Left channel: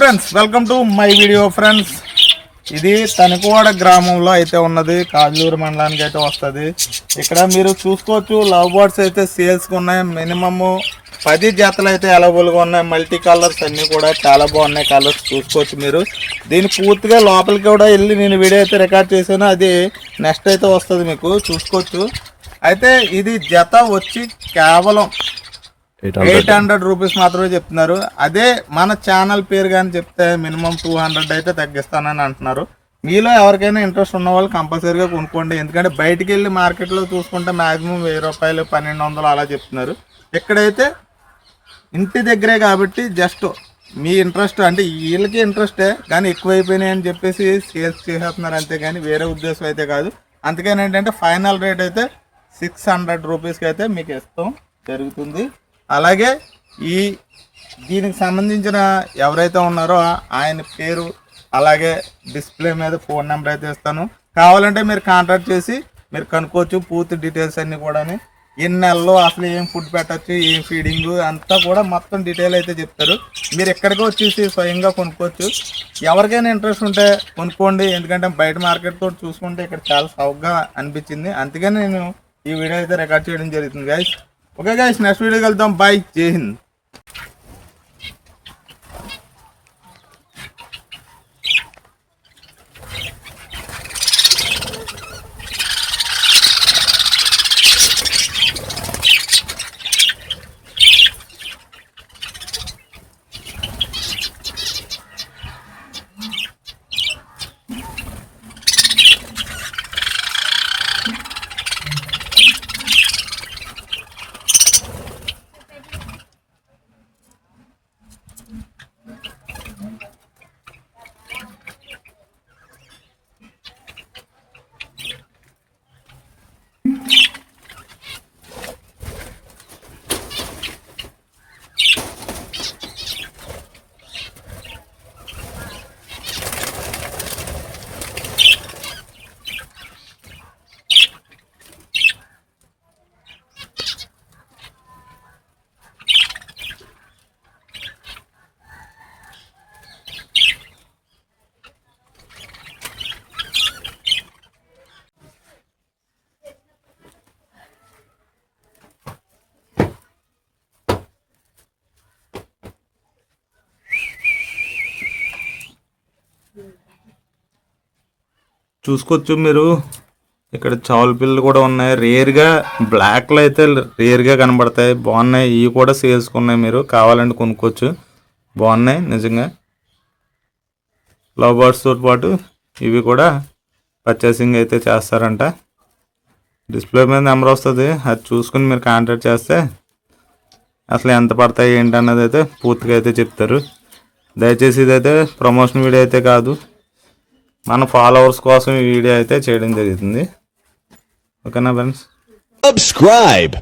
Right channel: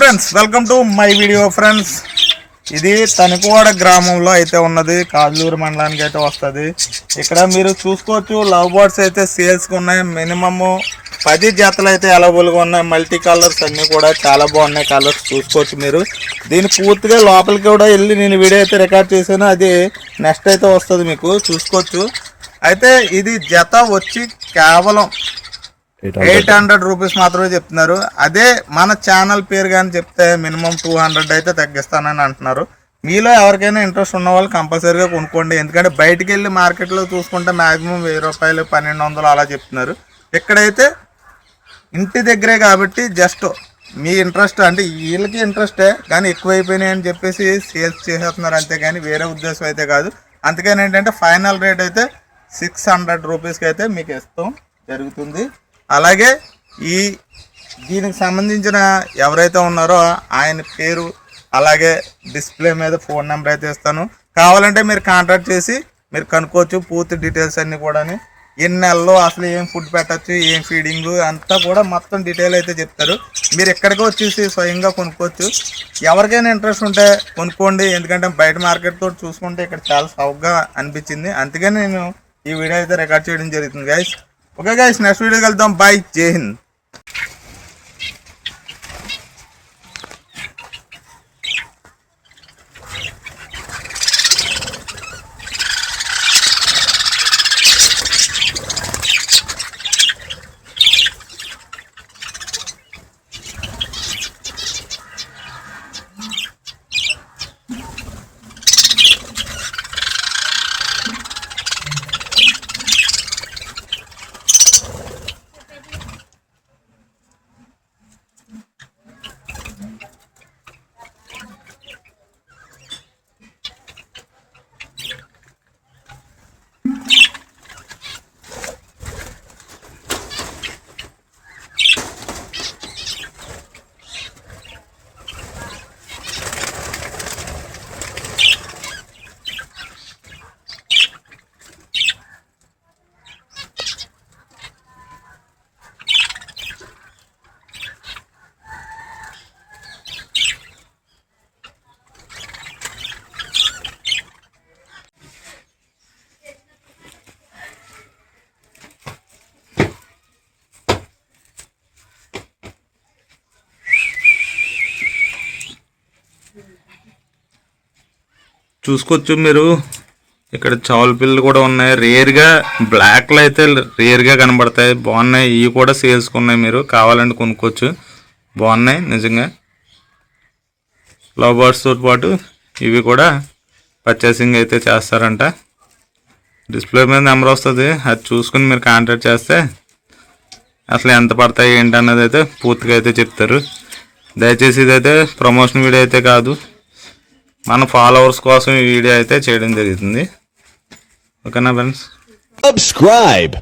Friends, welcome to my video friends. ఇది తణుకువాడ గ్రామంలో అయితే ఉన్నది, కాజులూరు మండలానికి అయితే వస్తుంది. ఇక్కడ మీరు చూసుకోవచ్చు, లవ్ బర్డ్స్ అయితే సేల్స్కి ఉన్నాయి. మినిమము 10 జతలు అయితే అవైలబుల్గా ఉన్నాయి. మల్టీ కలర్స్ అన్నీ కూడా చాలా బాగున్నాయి. కలర్స్ చూసుకోవచ్చు మీరు. దీని పూర్తిగా లోపలికి కూడా వెళ్ళి నేను వీడియో అయితే రికార్డ్ చేశాను, అది నెక్స్ట్ అయితే వస్తుంది, మీకు చూసుకోవచ్చు. అయితే ఇది జత వచ్చి కేవలం 800 రూపీస్ మాత్రమే చెప్తున్నారు. అదే మన ఛానల్ పేరు కానీ చెప్తే మినిమం 200 అయితే తగ్గిస్తానని అంటున్నారు. మీలో ఎవరికైనా ఇంట్రెస్ట్ ఉన్న వాళ్ళు కంపల్సరీగా కొనుక్కోండి. ఎందుకంటే బయటికి వెళ్ళి మార్కెట్లో చూసుకుంటే మ్యాక్సిమం 1000 రూపాయలు 1200 అలా చెప్తున్నారు. ఇక్కడైతే ఇంటి దగ్గరే కాబట్టి జస్ట్ మీ ఇంట్రెస్ట్, అంటే వీళ్ళకి ఇంట్రెస్టే కానీ ఎక్కువైపోయినాయి అని చెప్పేసి సేల్స్ చేసేస్తున్నారు, అంతే కానీ వేరే ఉద్దేశం అయితే కాదు. అందుకని ఏంటంటే ఫైనల్ రేట్ అయితే 600 రూపీస్కి అయితే మీకు ఇస్తాం జరుగుతుంది. అలాగే దీనికి సంబంధించిన ఎవరైతే ఉన్నారో ఆయన పేరు అలాగే డిస్ప్లే మీద ఫోన్ నెంబర్ అయితే ఇస్తాను. కావాలంటే మీరు కాంటాక్ట్ చేసి మీరు కనుక్కోవచ్చు పూర్తి డీటెయిల్స్ అన్నీ కూడా. ఎన్ని నెలల్లో అసలు ఏం ఫుడ్ పెట్టచ్చు, ఏం ఫీడింగ్ అంతా కూడా మొత్తం డీటెయిల్ అయితే చెప్తారు. మీరు ఎక్కడికి వచ్చేసి స్వయంగా కొనుక్కోవచ్చు. ఎవరికైనా ఇంట్రెస్ట్ ఉంటే కొనుక్కోండి. ఎందుకంటే బయట మార్కెట్ తోటి చూసుకుంటే ఇక్కడ చాలా సౌకర్యంగా అనిపించింది. అందుకని నేను ఈ వీడియో అయితే రికార్డ్ చేయడం జరుగుతుంది గైస్. ఓకే గైస్, నెక్స్ట్ వీడియోకి వెళ్తాం. బై, జై హింద్. చూసుకోవచ్చు మీరు, ఇక్కడ చావుల పిల్లలు కూడా ఉన్నాయి. రేర్గా బ్లాక్లో అయితే రేర్గా కనబడతాయి, బాగున్నాయి. ఇవి కూడా సేల్స్కి ఉన్నాయి, మీరు కావాలంటే కొనుక్కోవచ్చు. బాగున్నాయి నిజంగా. లవ్ బర్డ్స్తో పాటు ఇవి కూడా పర్చేసింగ్ అయితే చేస్తారంట. డిస్ప్లే మీద నెంబర్ వస్తుంది, అది చూసుకుని మీరు కాంటాక్ట్ చేస్తే అసలు ఎంత పడతాయి ఏంటి అన్నది అయితే పూర్తిగా అయితే చెప్తారు. దయచేసి ఇదైతే ప్రమోషన్ వీడియో అయితే కాదు, మన ఫాలోవర్స్ కోసం ఈ వీడియో అయితే చేయడం జరుగుతుంది. ఓకేనా ఫ్రెండ్స్? Subscribe.